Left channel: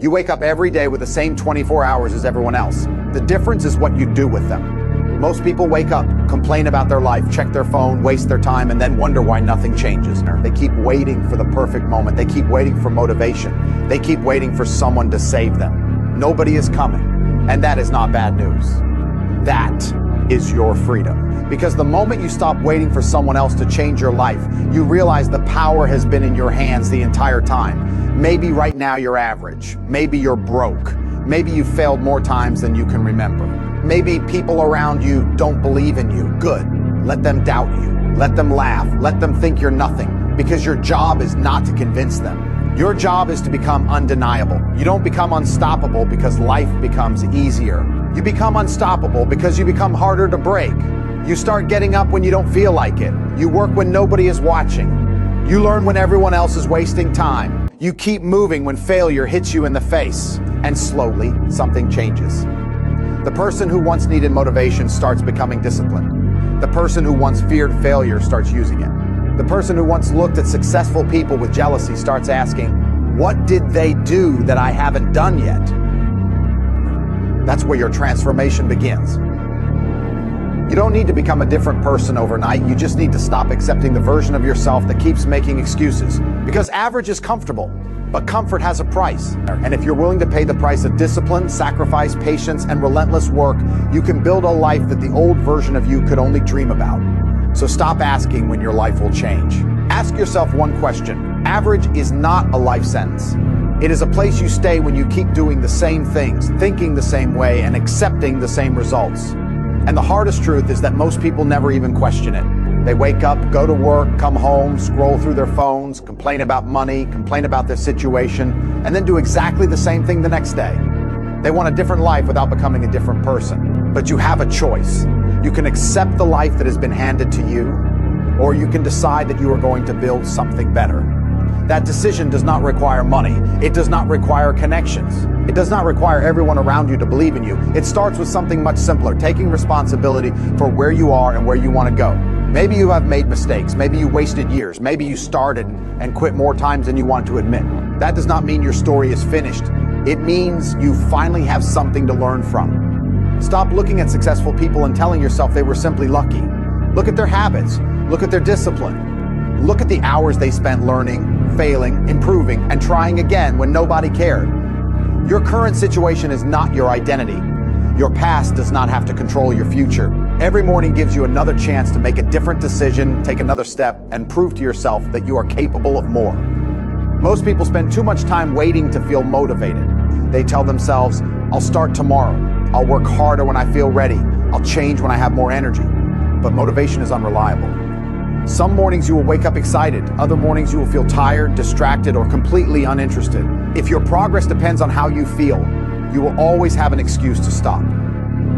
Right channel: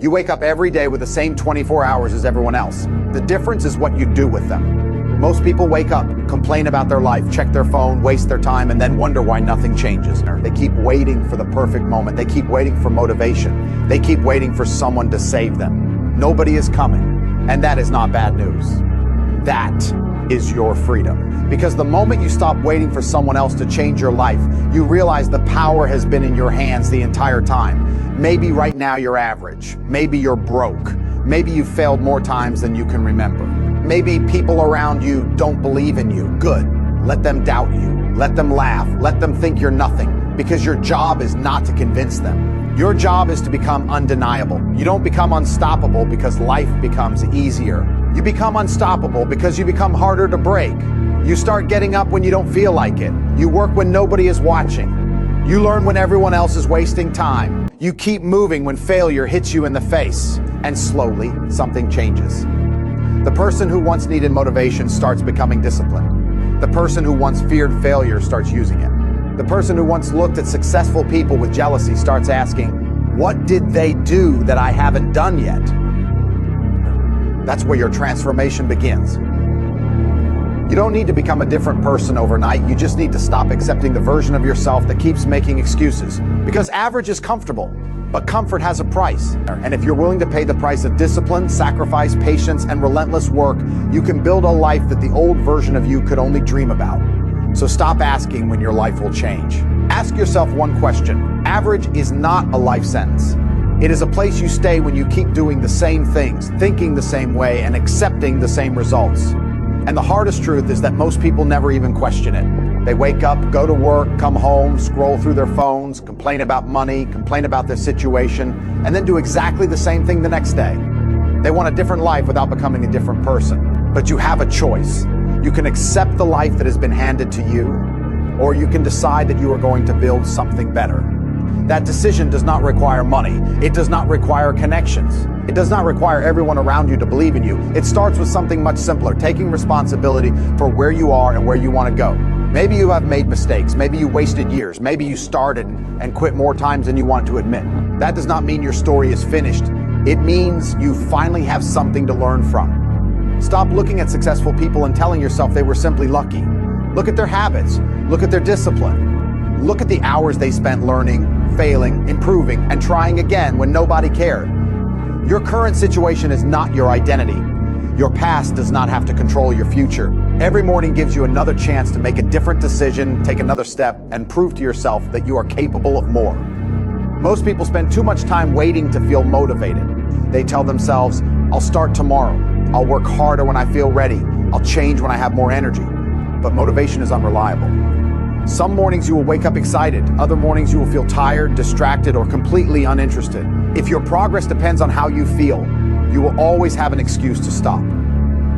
You wake up every day with the same 24 hours as everyone else. The difference is what you do with them. Most people wake up, complain about their life, check their phone, waste their time, and then wonder why nothing changes. They keep waiting for the perfect moment. They keep waiting for motivation. They keep waiting for someone to save them. Nobody is coming, and that is not bad news. That is your freedom. Because the moment you stop waiting for someone else to change your life, you realize the power has been in your hands the entire time. Maybe right now you're average. Maybe you're broke. Maybe you've failed more times than you can remember. Maybe people around you don't believe in you. Good. Let them doubt you. Let them laugh. Let them think you're nothing. Because your job is not to convince them. Your job is to become undeniable. You don't become unstoppable because life becomes easier. You become unstoppable because you become harder to break. You start getting up when you don't feel like it. You work when nobody is watching. You learn when everyone else is wasting time. You keep moving when failure hits you in the face. And slowly, something changes. The person who once needed motivation starts becoming disciplined. The person who once feared failure starts using it. The person who once looked at successful people with jealousy starts asking, what did they do that I haven't done yet? That's where your transformation begins. You don't need to become a different person overnight. You just need to stop accepting the version of yourself that keeps making excuses. Because average is comfortable, but comfort has a price. And if you're willing to pay the price of discipline, sacrifice, patience, and relentless work, you can build a life that the old version of you could only dream about. So stop asking when your life will change. Ask yourself one question. Average is not a life sentence. It is a place you stay when you keep doing the same things, thinking the same way, and accepting the same results. And the hardest truth is that most people never even question it. They wake up, go to work, come home, scroll through their phones, complain about money, complain about their situation, and then do exactly the same thing the next day. They want a different life without becoming a different person. But you have a choice. You can accept the life that has been handed to you, or you can decide that you are going to build something better. That decision does not require money. It does not require connections. It does not require everyone around you to believe in you. It starts with something much simpler, taking responsibility for where you are and where you want to go. Maybe you have made mistakes. Maybe you wasted years. Maybe you started and quit more times than you want to admit. That does not mean your story is finished. It means you finally have something to learn from. Stop looking at successful people and telling yourself they were simply lucky. Look at their habits. Look at their discipline. Look at the hours they spent learning, failing, improving, and trying again when nobody cared. Your current situation is not your identity. Your past does not have to control your future. Every morning gives you another chance to make a different decision, take another step, and prove to yourself that you are capable of more. Most people spend too much time waiting to feel motivated. They tell themselves, I'll start tomorrow. I'll work harder when I feel ready. I'll change when I have more energy. But motivation is unreliable. Some mornings you will wake up excited. Other mornings you will feel tired, distracted, or completely uninterested. If your progress depends on how you feel, you will always have an excuse to stop.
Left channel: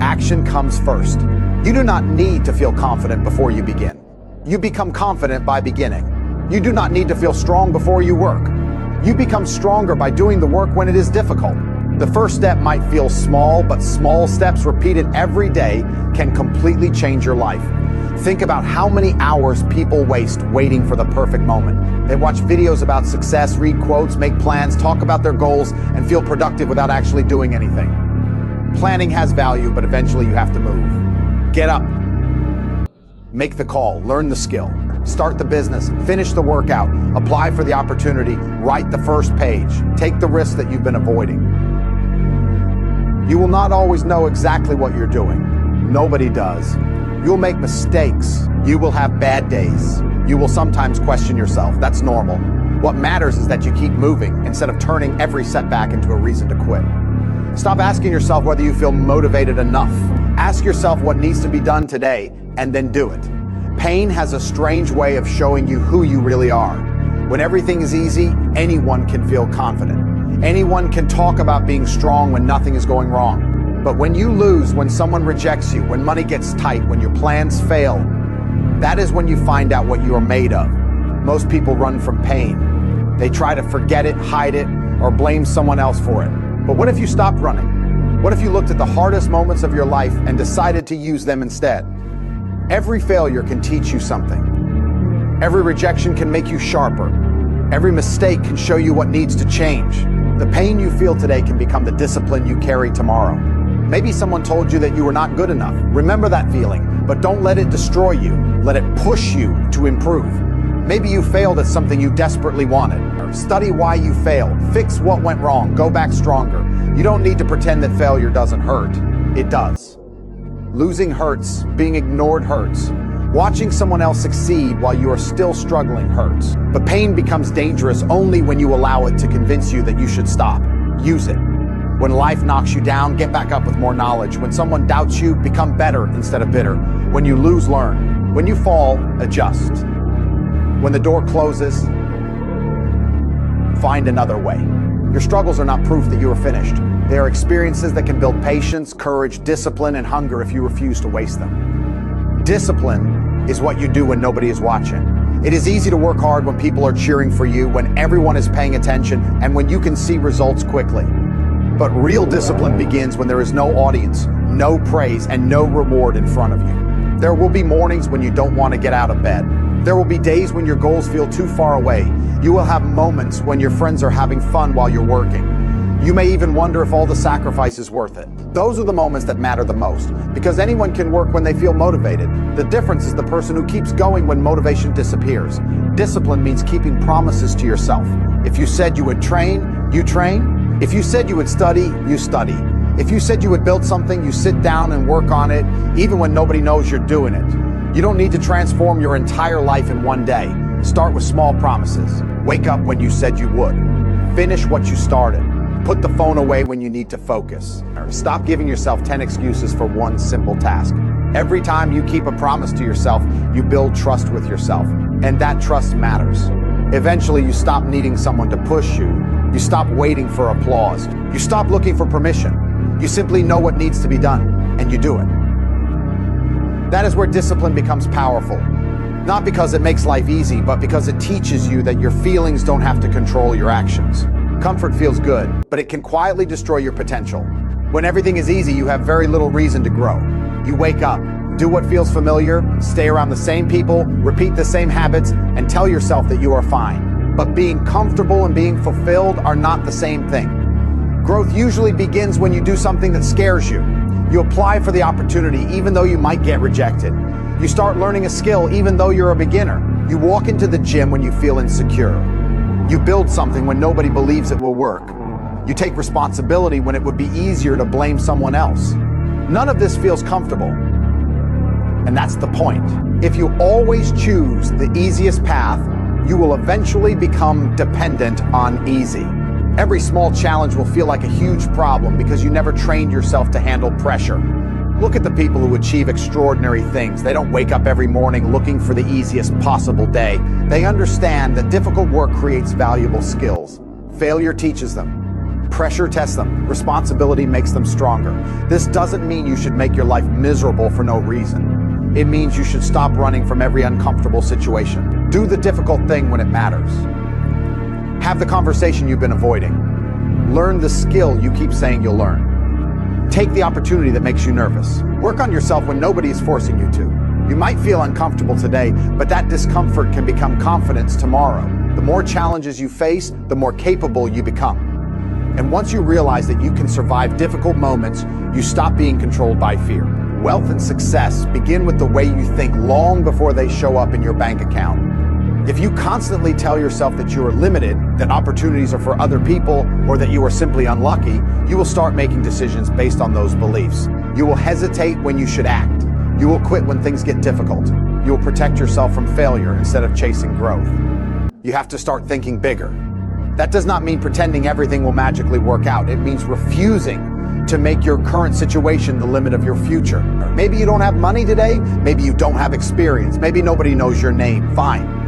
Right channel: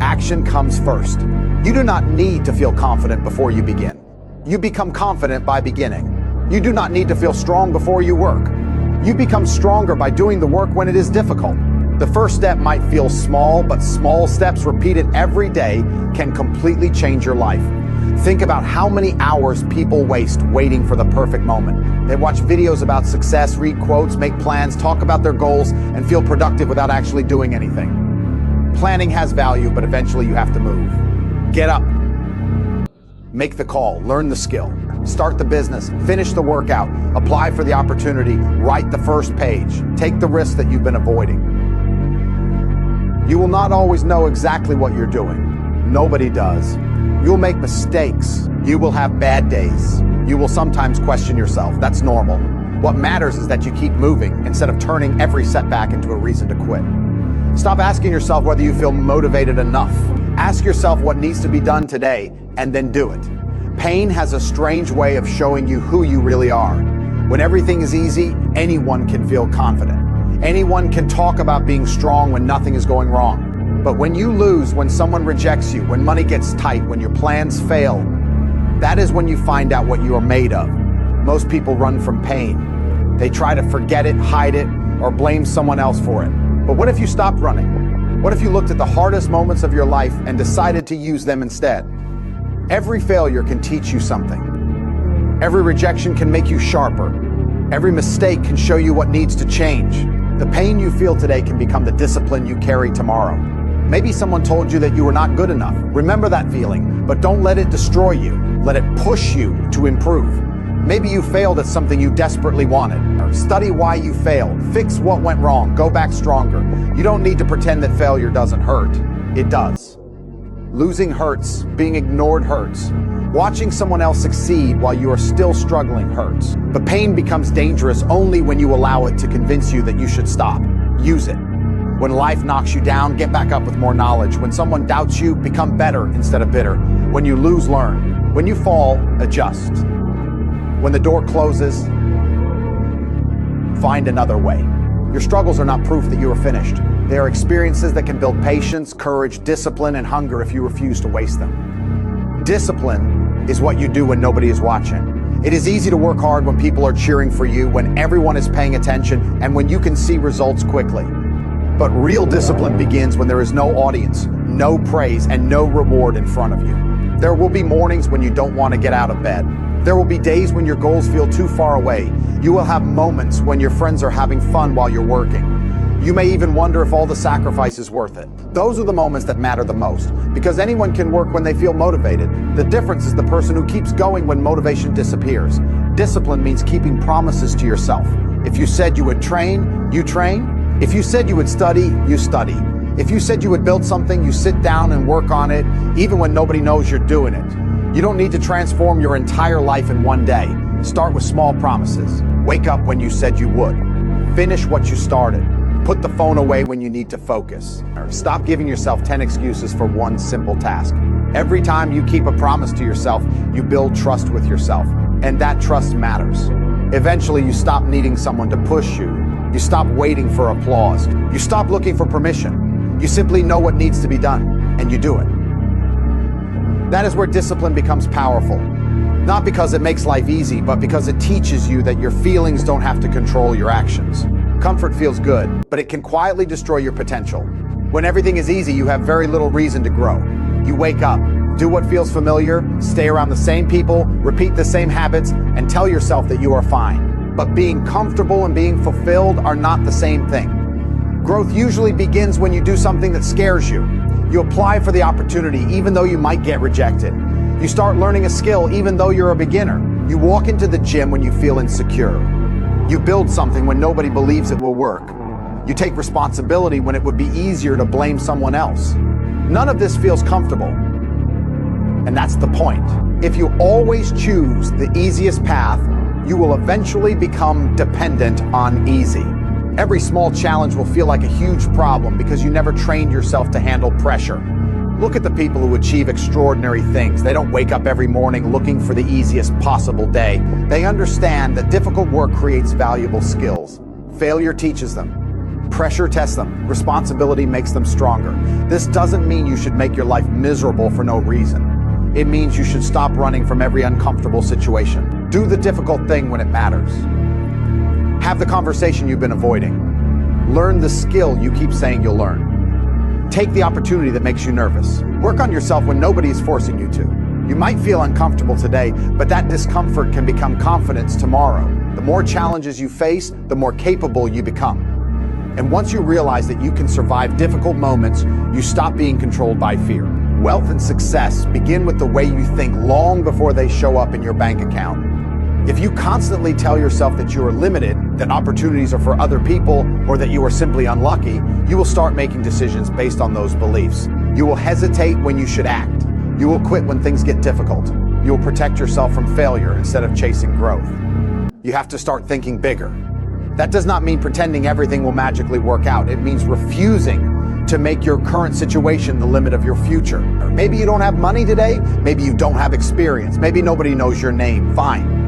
Action comes first. You do not need to feel confident before you begin. You become confident by beginning. You do not need to feel strong before you work. You become stronger by doing the work when it is difficult. The first step might feel small, but small steps repeated every day can completely change your life. Think about how many hours people waste waiting for the perfect moment. They watch videos about success, read quotes, make plans, talk about their goals, and feel productive without actually doing anything. Planning has value, but eventually you have to move. Get up. Make the call, learn the skill, start the business, finish the workout, apply for the opportunity, write the first page, take the risks that you've been avoiding. You will not always know exactly what you're doing. Nobody does. You'll make mistakes. You will have bad days. You will sometimes question yourself. That's normal. What matters is that you keep moving instead of turning every setback into a reason to quit. Stop asking yourself whether you feel motivated enough. Ask yourself what needs to be done today and then do it. Pain has a strange way of showing you who you really are. When everything is easy, anyone can feel confident. Anyone can talk about being strong when nothing is going wrong. But when you lose, when someone rejects you, when money gets tight, when your plans fail, that is when you find out what you are made of. Most people run from pain. They try to forget it, hide it, or blame someone else for it. But what if you stopped running? What if you looked at the hardest moments of your life and decided to use them instead? Every failure can teach you something. Every rejection can make you sharper. Every mistake can show you what needs to change. The pain you feel today can become the discipline you carry tomorrow. Maybe someone told you that you were not good enough. Remember that feeling, but don't let it destroy you. Let it push you to improve. Maybe you failed at something you desperately wanted. Study why you failed. Fix what went wrong. Go back stronger. You don't need to pretend that failure doesn't hurt. It does. Losing hurts. Being ignored hurts. Watching someone else succeed while you are still struggling hurts. But pain becomes dangerous only when you allow it to convince you that you should stop. Use it. When life knocks you down, get back up with more knowledge. When someone doubts you, become better instead of bitter. When you lose, learn. When you fall, adjust. When the door closes, find another way. Your struggles are not proof that you are finished. They are experiences that can build patience, courage, discipline, and hunger if you refuse to waste them. Discipline is what you do when nobody is watching. It is easy to work hard when people are cheering for you, when everyone is paying attention, and when you can see results quickly. But real discipline begins when there is no audience, no praise, and no reward in front of you. There will be mornings when you don't want to get out of bed. There will be days when your goals feel too far away. You will have moments when your friends are having fun while you're working. You may even wonder if all the sacrifice is worth it. Those are the moments that matter the most, because anyone can work when they feel motivated. The difference is the person who keeps going when motivation disappears. Discipline means keeping promises to yourself. If you said you would train, you train. If you said you would study, you study. If you said you would build something, you sit down and work on it, even when nobody knows you're doing it. You don't need to transform your entire life in one day. Start with small promises. Wake up when you said you would. Finish what you started. Put the phone away when you need to focus. Stop giving yourself 10 excuses for one simple task. Every time you keep a promise to yourself, you build trust with yourself. And that trust matters. Eventually, you stop needing someone to push you. You stop waiting for applause. You stop looking for permission. You simply know what needs to be done, and you do it. That is where discipline becomes powerful. Not because it makes life easy, but because it teaches you that your feelings don't have to control your actions. Comfort feels good, but it can quietly destroy your potential. When everything is easy, you have very little reason to grow. You wake up, do what feels familiar, stay around the same people, repeat the same habits, and tell yourself that you are fine. But being comfortable and being fulfilled are not the same thing. Growth usually begins when you do something that scares you. You apply for the opportunity even though you might get rejected. You start learning a skill even though you're a beginner. You walk into the gym when you feel insecure. You build something when nobody believes it will work. You take responsibility when it would be easier to blame someone else. None of this feels comfortable. And that's the point. If you always choose the easiest path, you will eventually become dependent on easy. Every small challenge will feel like a huge problem because you never trained yourself to handle pressure. Look at the people who achieve extraordinary things. They don't wake up every morning looking for the easiest possible day. They understand that difficult work creates valuable skills. Failure teaches them. Pressure tests them. Responsibility makes them stronger. This doesn't mean you should make your life miserable for no reason. It means you should stop running from every uncomfortable situation. Do the difficult thing when it matters. Have the conversation you've been avoiding. Learn the skill you keep saying you'll learn. Take the opportunity that makes you nervous. Work on yourself when nobody is forcing you to. You might feel uncomfortable today, but that discomfort can become confidence tomorrow. The more challenges you face, the more capable you become. And once you realize that you can survive difficult moments, you stop being controlled by fear. Wealth and success begin with the way you think long before they show up in your bank account. If you constantly tell yourself that you are limited, that opportunities are for other people, or that you are simply unlucky, you will start making decisions based on those beliefs. You will hesitate when you should act. You will quit when things get difficult. You will protect yourself from failure instead of chasing growth. You have to start thinking bigger. That does not mean pretending everything will magically work out. It means refusing to make your current situation the limit of your future. Or maybe you don't have money today. Maybe you don't have experience. Maybe nobody knows your name. Fine.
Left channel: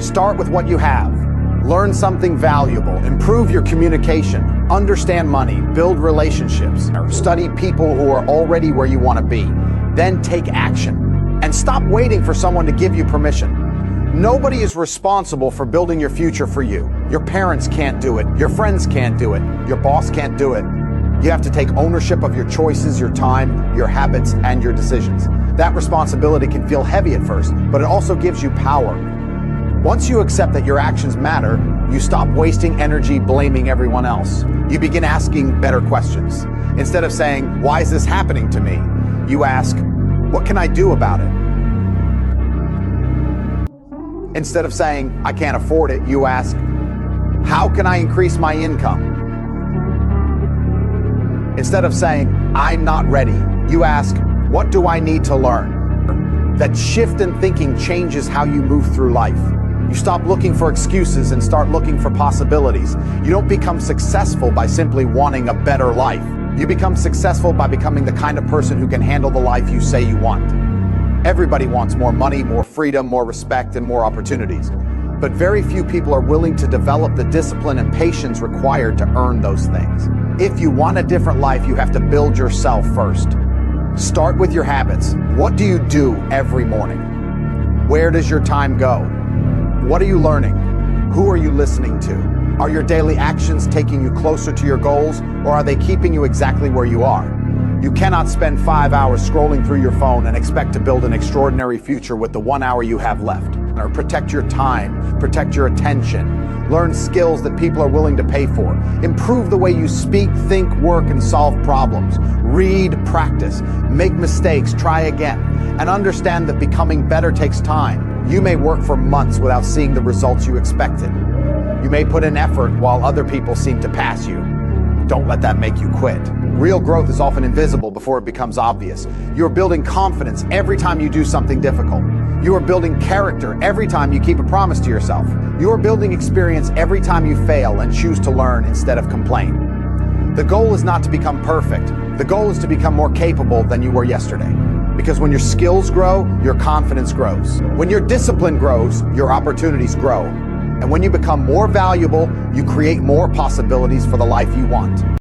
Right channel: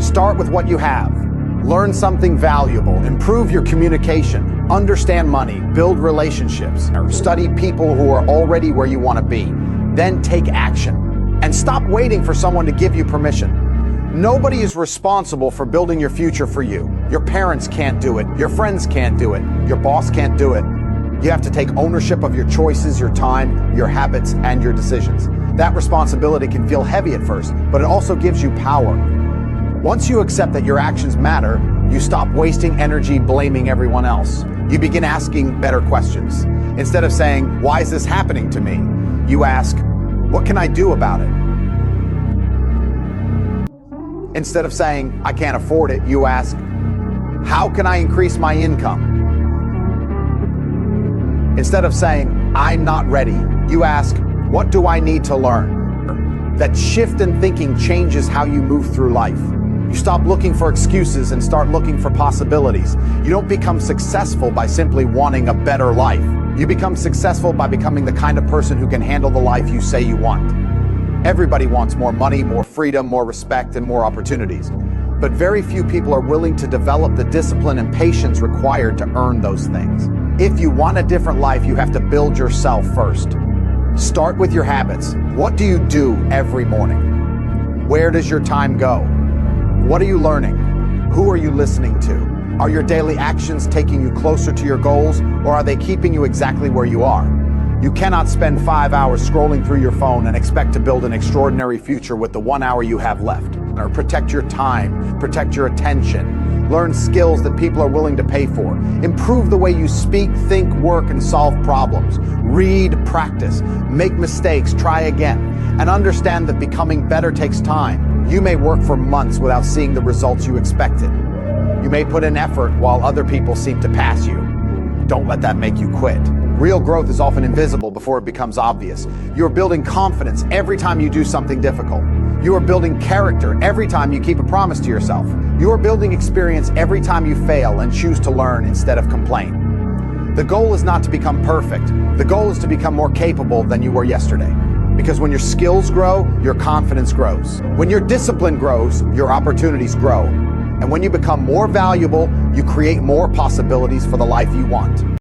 Start with what you have. Learn something valuable. Improve your communication. Understand money. Build relationships. Or study people who are already where you want to be. Then take action. And stop waiting for someone to give you permission. Nobody is responsible for building your future for you. Your parents can't do it. Your friends can't do it. Your boss can't do it. You have to take ownership of your choices, your time, your habits, and your decisions. That responsibility can feel heavy at first, but it also gives you power. Once you accept that your actions matter, You stop wasting energy blaming everyone else. You begin asking better questions. Instead of saying, why is this happening to me? You ask, what can I do about it? Instead of saying, I can't afford it, you ask, how can I increase my income? Instead of saying, I'm not ready, you ask, what do I need to learn? That shift in thinking changes how you move through life. You stop looking for excuses and start looking for possibilities. You don't become successful by simply wanting a better life. You become successful by becoming the kind of person who can handle the life you say you want. Everybody wants more money, more freedom, more respect, and more opportunities. But very few people are willing to develop the discipline and patience required to earn those things. If you want a different life, you have to build yourself first. Start with your habits. What do you do every morning? Where does your time go? What are you learning? Who are you listening to? Are your daily actions taking you closer to your goals, or are they keeping you exactly where you are? You cannot spend 5 hours scrolling through your phone and expect to build an extraordinary future with the 1 hour you have left. Or protect your time, protect your attention, learn skills that people are willing to pay for, improve the way you speak, think, work, and solve problems, read, practice, make mistakes, try again, and understand that becoming better takes time. You may work for months without seeing the results you expected. You may put in effort while other people seem to pass you. Don't let that make you quit. Real growth is often invisible before it becomes obvious. You are building confidence every time you do something difficult. You are building character every time you keep a promise to yourself. You are building experience every time you fail and choose to learn instead of complain. The goal is not to become perfect. The goal is to become more capable than you were yesterday. Because when your skills grow, your confidence grows. When your discipline grows, your opportunities grow. And when you become more valuable, you create more possibilities for the life you want.